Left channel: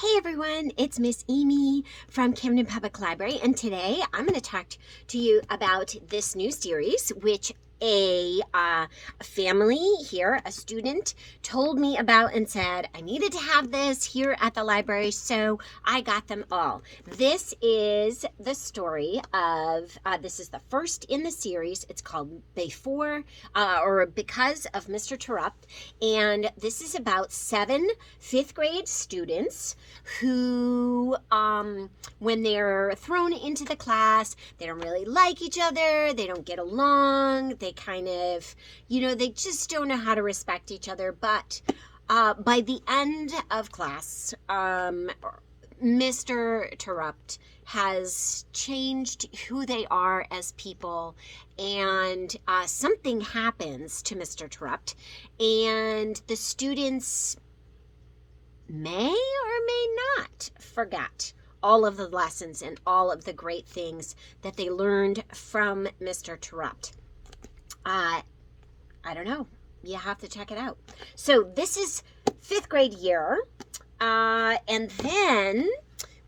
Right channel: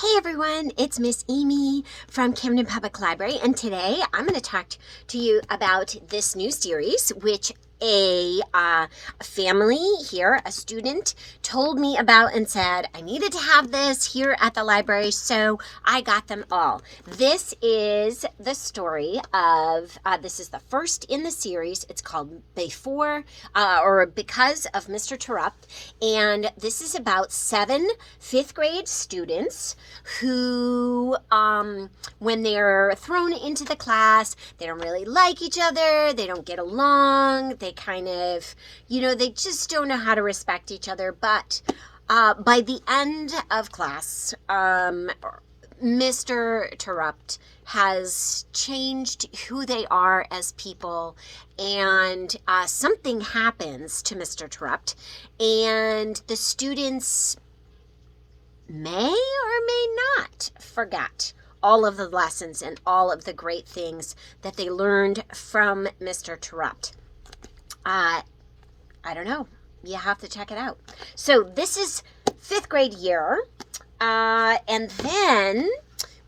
Hey everyone, it's Miss Amy from Camden Public Library, and today I'm going to talk to you about this new series, which a family here, a student, told me about and said I needed to have this here at the library, so I got them all. This is the story of, this is the first in the series. It's called Because of Mr. Terupt, and this is about 7 fifth grade students who, when they're thrown into the class, they don't really like each other, they don't get along, they kind of, they just don't know how to respect each other. But by the end of class, Mr. Terupt has changed who they are as people, and something happens to Mr. Terupt, and the students may or may not forget all of the lessons and all of the great things that they learned from Mr. Terupt. I don't know. You have to check it out. So this is 5th grade year. And then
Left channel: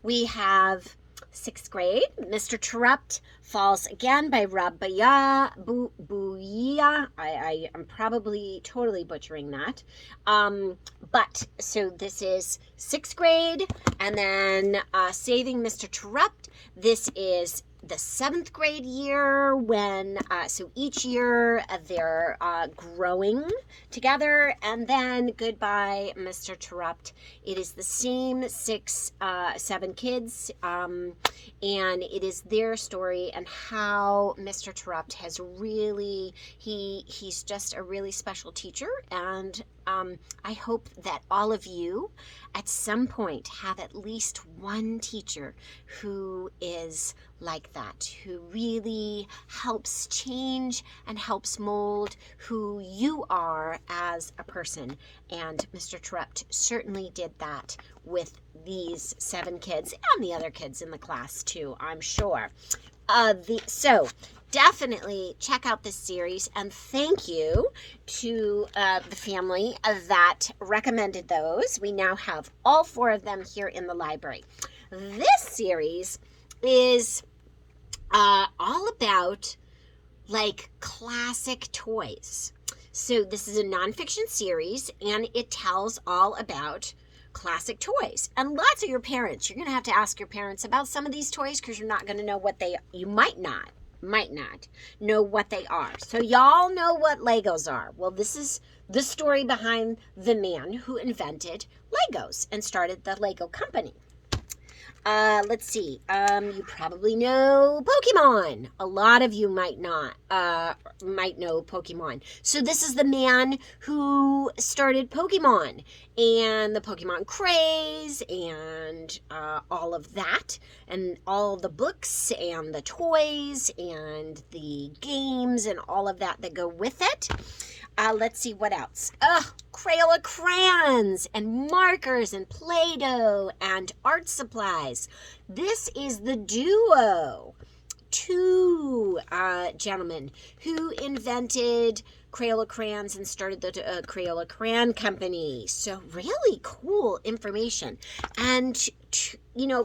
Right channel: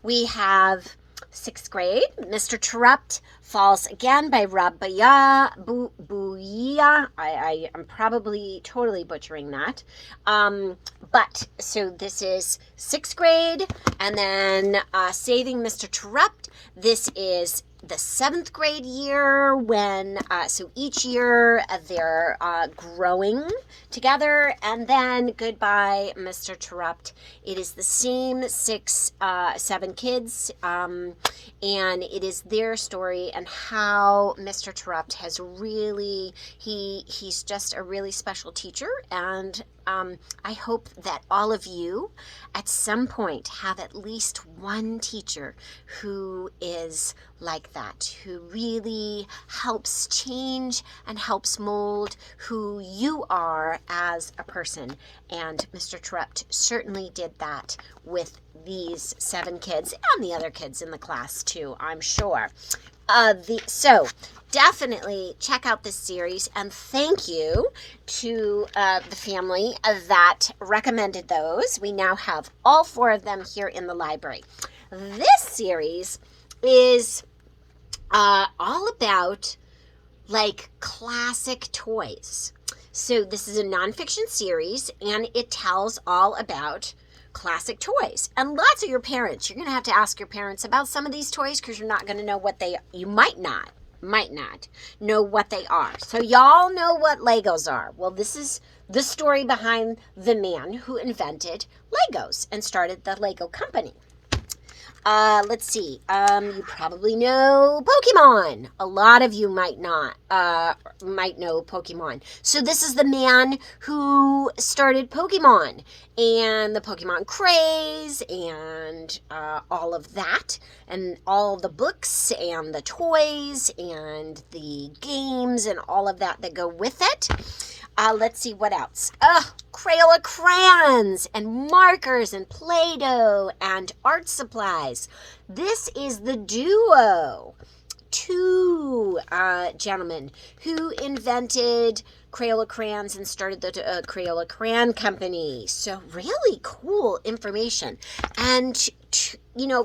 we have 6th grade. Mr. Terupt Falls Again by Rabia Bouia. I am probably totally butchering that. But so this is 6th grade, and then Saving Mr. Terupt. This is the 7th grade year when, so each year they're growing together. And then Goodbye, Mr. Terupt. It is the same 7 kids, and it is their story and how Mr. Terupt has really, he's just a really special teacher. And I hope that all of you at some point have at least one teacher who is like that, who really helps change and helps mold who you are as a person. And Mr. Terupt certainly did that with these 7 kids and the other kids in the class too, I'm sure. So definitely check out this series, and thank you to the family that recommended those. We now have all 4 of them here in the library. This series is all about like classic toys. So this is a nonfiction series, and it tells all about classic toys. And lots of your parents, you're going to have to ask your parents about some of these toys, because you're not going to know what you might not know what they are. So y'all know what Legos are. Well, this is the story behind the man who invented Legos and started the Lego company. Let's see. You probably know Pokemon. A lot of you might not, might know Pokemon. So this is the man who started Pokemon and the Pokemon craze and all of that, and all the books and the toys and the games and all of that go with it. Let's see what else. Crayola crayons and markers and Play-Doh and art supplies. This is the duo. 2 gentlemen who invented Crayola crayons and started the Crayola Crayon Company. So really cool information. And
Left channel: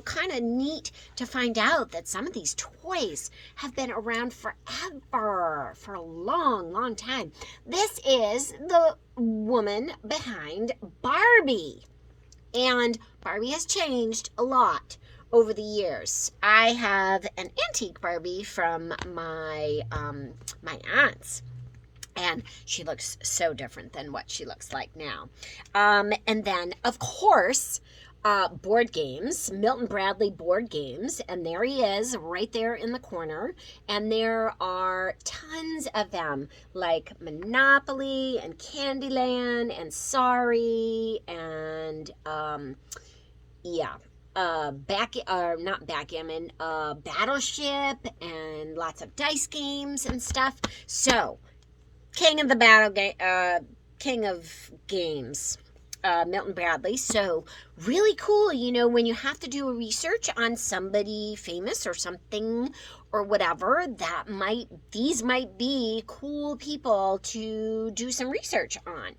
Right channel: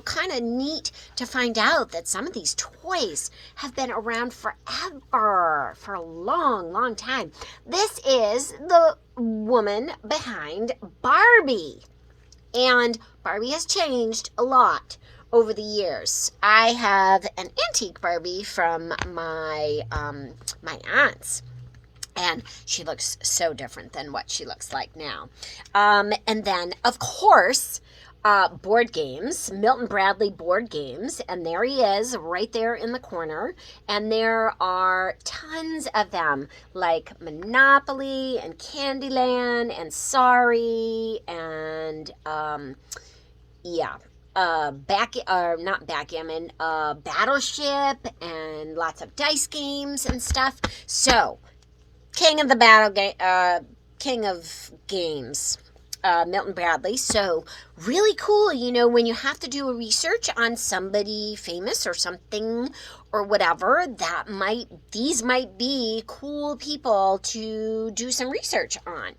kind of neat to find out that some of these toys have been around forever, for a long, long time. This is the woman behind Barbie. And Barbie has changed a lot over the years. I have an antique Barbie from my aunt's, and she looks so different than what she looks like now. And then, of course, board games, Milton Bradley board games, and there he is right there in the corner. And there are tons of them, like Monopoly and Candyland and Sorry and not backgammon, Battleship, and lots of dice games and stuff. So king of games, Milton Bradley. So really cool, when you have to do a research on somebody famous or something or whatever, these might be cool people to do some research on.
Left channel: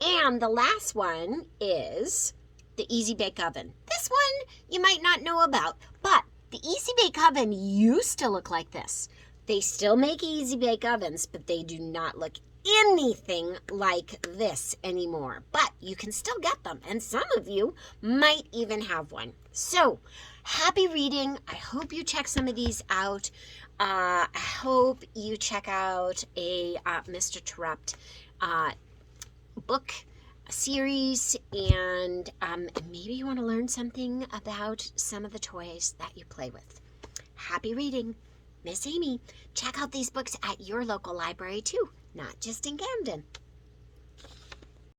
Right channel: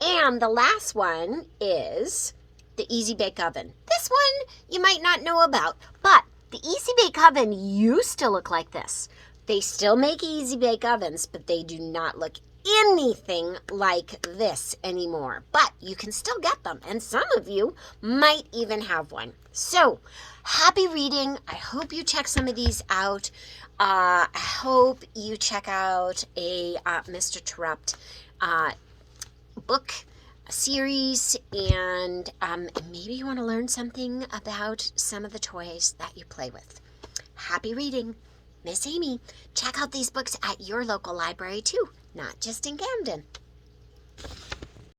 And the last one is the Easy Bake Oven. This one you might not know about, but the Easy Bake Oven used to look like this. They still make Easy Bake Ovens, but they do not look anything like this anymore. But you can still get them, and some of you might even have one. So, happy reading. I hope you check some of these out. I hope you check out a Mr. Terupt book series, and maybe you want to learn something about some of the toys that you play with. Happy reading. Miss Amy. Check out these books at your local library too, not just in Camden.